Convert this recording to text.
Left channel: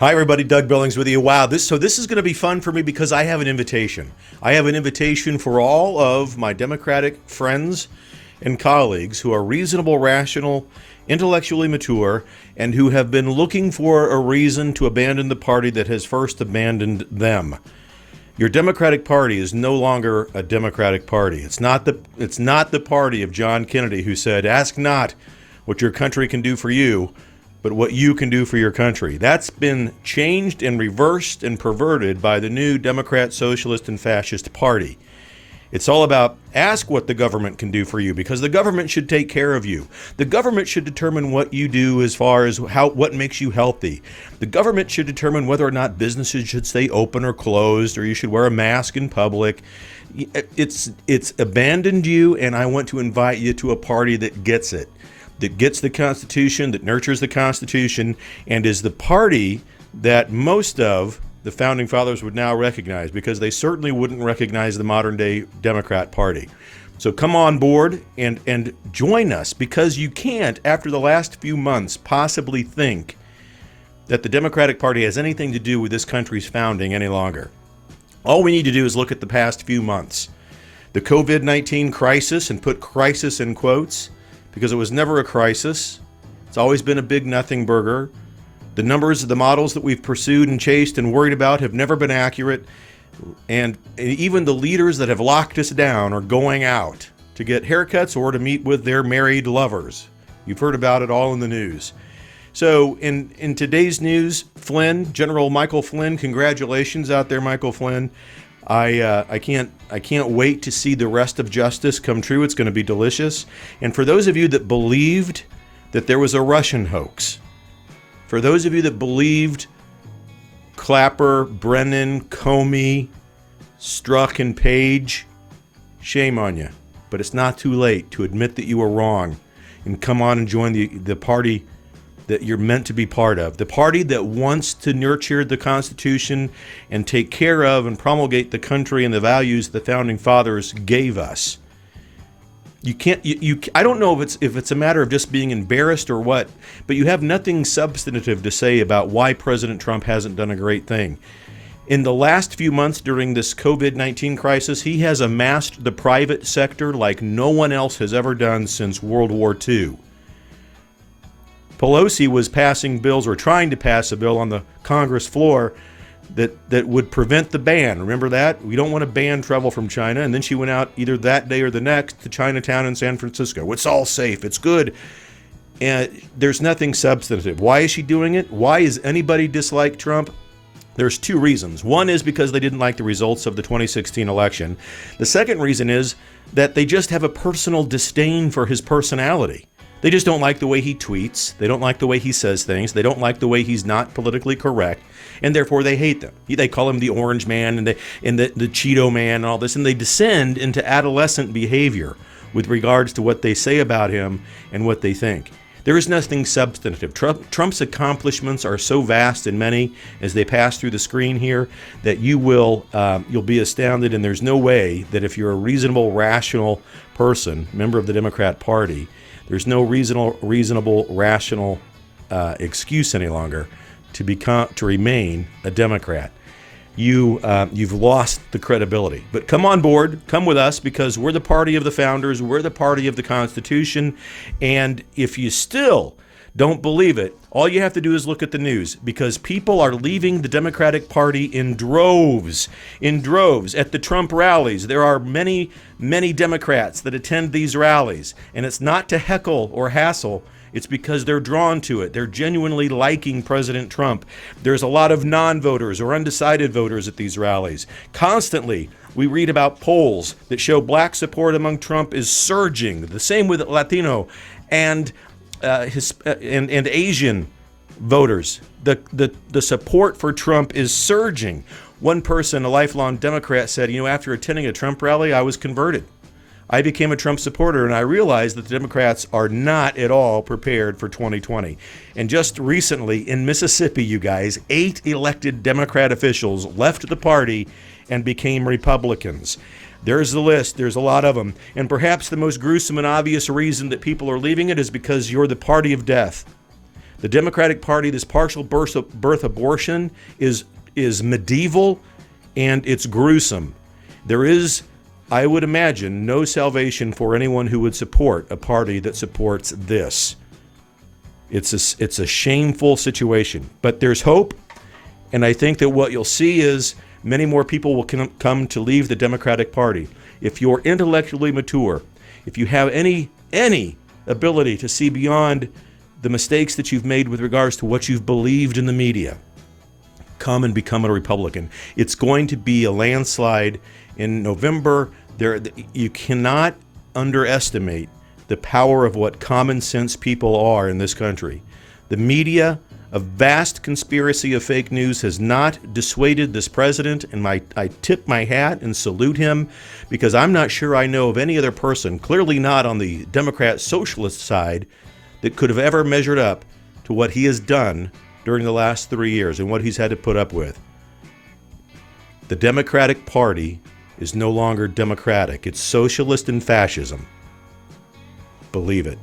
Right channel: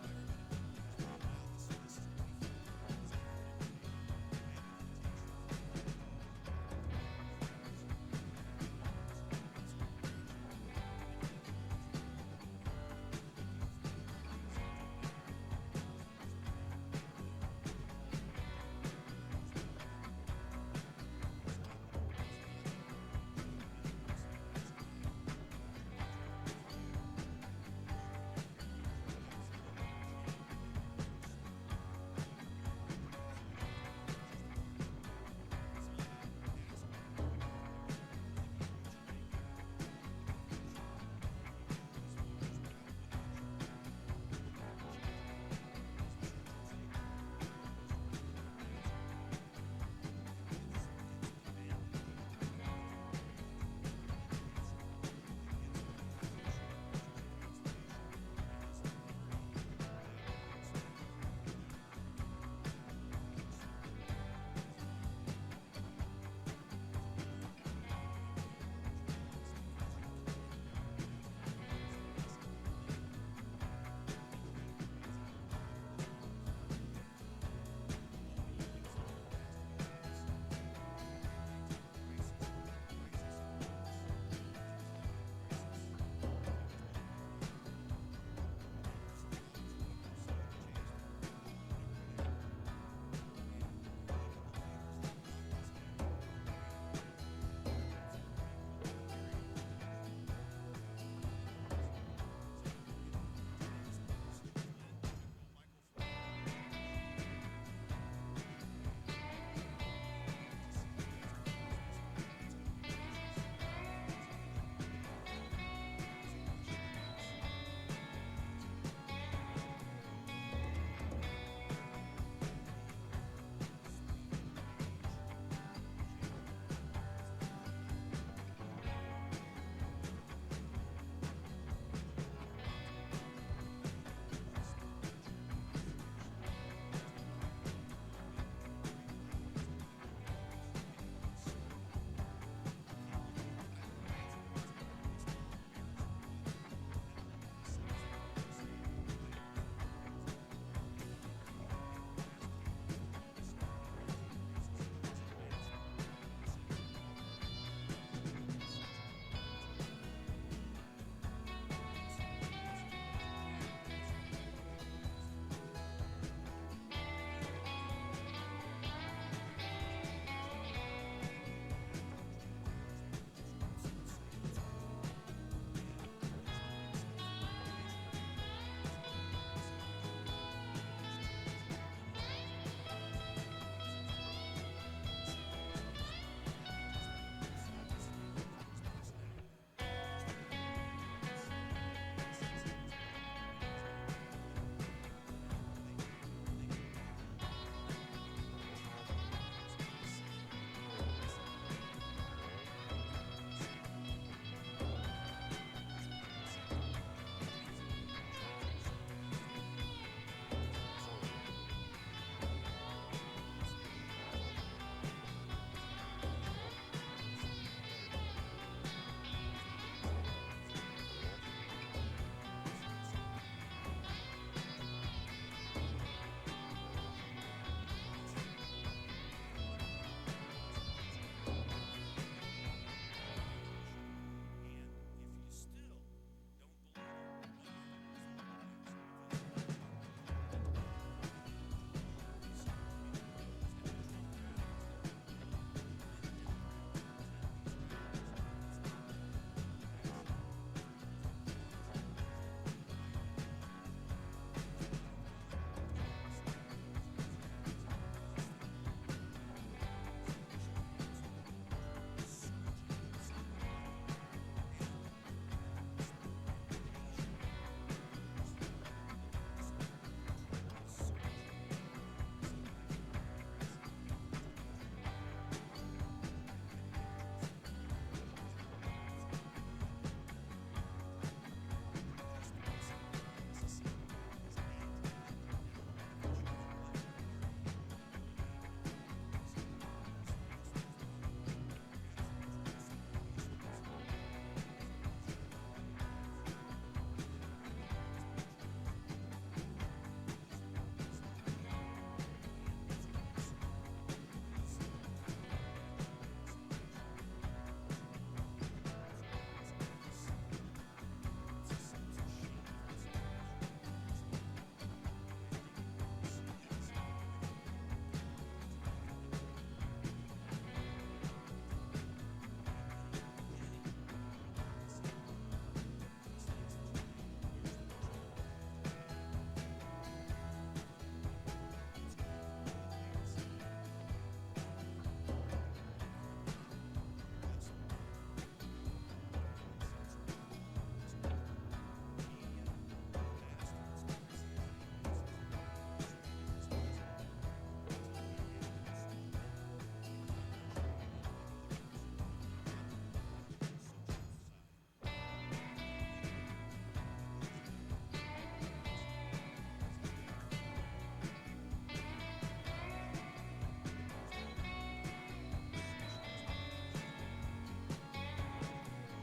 Hi, everybody. Doug Billings with you. Wow, this is going to be fun for me because I have an invitation. I have an invitation for all of my Democratic friends and colleagues who are reasonable, rational, intellectually mature, and who have been looking for a reason to abandon the party that has first abandoned them. Your Democratic Party is no longer a Democratic Party. It's not the party of John Kennedy, who said, "Ask not what your country can do for you, but what you can do for your country." That's been changed and reversed and perverted by the new Democrat, Socialist, and Fascist Party. It's all about ask what the government can do for you, because the government should take care of you. The government should determine what you do as far as what makes you healthy. The government should determine whether or not businesses should stay open or closed, or you should wear a mask in public. It's abandoned you, and I want to invite you to a party that gets it, that gets the Constitution, that nurtures the Constitution, and is the party that most of the Founding Fathers would now recognize, because they certainly wouldn't recognize the modern-day Democrat Party. So come on board and join us, because you can't, after the last few months, possibly think that the Democratic Party has anything to do with this country's founding any longer. All we need to do is look at the past few months. The COVID-19 crisis, and put crisis in quotes, because it was never a crisis. It's always been a big nothing burger. The numbers, the models that we've pursued and chased and worried about have never been accurate. And even the leaders that have locked us down are going out to get haircuts or to meet with their married lovers. You've heard about it all in the news. So in today's news, Flynn, General Michael Flynn, congratulations out there, Michael Flynn. I can't wait to see the rest of justice come true. It's going to be delicious. And for those of you that believed that there was a Russian hoax, for those of you that believed Clapper, Brennan, Comey, Strzok, and Page, shame on you. But it's not too late to admit that you were wrong and come on and join the party that you're meant to be part of. The party that wants to nurture the Constitution and take care of and promulgate the country and the values the Founding Fathers gave us. You can't. I don't know if it's a matter of just being embarrassed or what, but you have nothing substantive to say about why President Trump hasn't done a great thing. In the last few months during this COVID-19 crisis, he has amassed the private sector like no one else has ever done since World War II. Pelosi was passing bills, or trying to pass a bill on the Congress floor that would prevent the ban. Remember that? We don't want to ban travel from China. And then she went out either that day or the next to Chinatown in San Francisco. It's all safe. It's good. And there's nothing substantive. Why is she doing it? Why is anybody dislike Trump? There's two reasons. One is because they didn't like the results of the 2016 election. The second reason is that they just have a personal disdain for his personality. They just don't like the way he tweets. They don't like the way he says things. They don't like the way he's not politically correct, and therefore they hate them. They call him the Orange Man and the Cheeto Man and all this, and they descend into adolescent behavior with regards to what they say about him and what they think. There is nothing substantive. Trump's accomplishments are so vast and many as they pass through the screen here that you'll be astounded, and there's no way that if you're a reasonable, rational person, member of the Democrat Party, there's no reasonable, rational excuse any longer to remain a Democrat. You've lost the credibility. But come on board, come with us, because we're the party of the founders, we're the party of the Constitution, and if you still don't believe it, all you have to do is look at the news, because people are leaving the Democratic Party in droves. In droves. At the Trump rallies, there are many, many Democrats that attend these rallies, and it's not to heckle or hassle. It's because they're drawn to it. They're genuinely liking President Trump. There's a lot of non-voters or undecided voters at these rallies. Constantly, we read about polls that show black support among Trump is surging. The same with Latino and Asian voters. The support for Trump is surging. One person, a lifelong Democrat, said, after attending a Trump rally, I was converted. I became a Trump supporter, and I realized that the Democrats are not at all prepared for 2020. And just recently in Mississippi, you guys, 8 elected Democrat officials left the party and became Republicans. There's the list. There's a lot of them. And perhaps the most gruesome and obvious reason that people are leaving it is because you're the party of death. The Democratic Party, this partial birth abortion is medieval and it's gruesome. There is, I would imagine, no salvation for anyone who would support a party that supports this. It's a shameful situation, but there's hope, and I think that what you'll see is many more people will come to leave the Democratic Party. If you're intellectually mature, if you have any ability to see beyond the mistakes that you've made with regards to what you've believed in the media, come and become a Republican. It's going to be a landslide in November. You cannot underestimate the power of what common sense people are in this country. The media, a vast conspiracy of fake news, has not dissuaded this president, and I tip my hat and salute him, because I'm not sure I know of any other person, clearly not on the Democrat socialist side, that could have ever measured up to what he has done during the last 3 years and what he's had to put up with. The Democratic Party is no longer democratic. It's socialist and fascism. Believe it.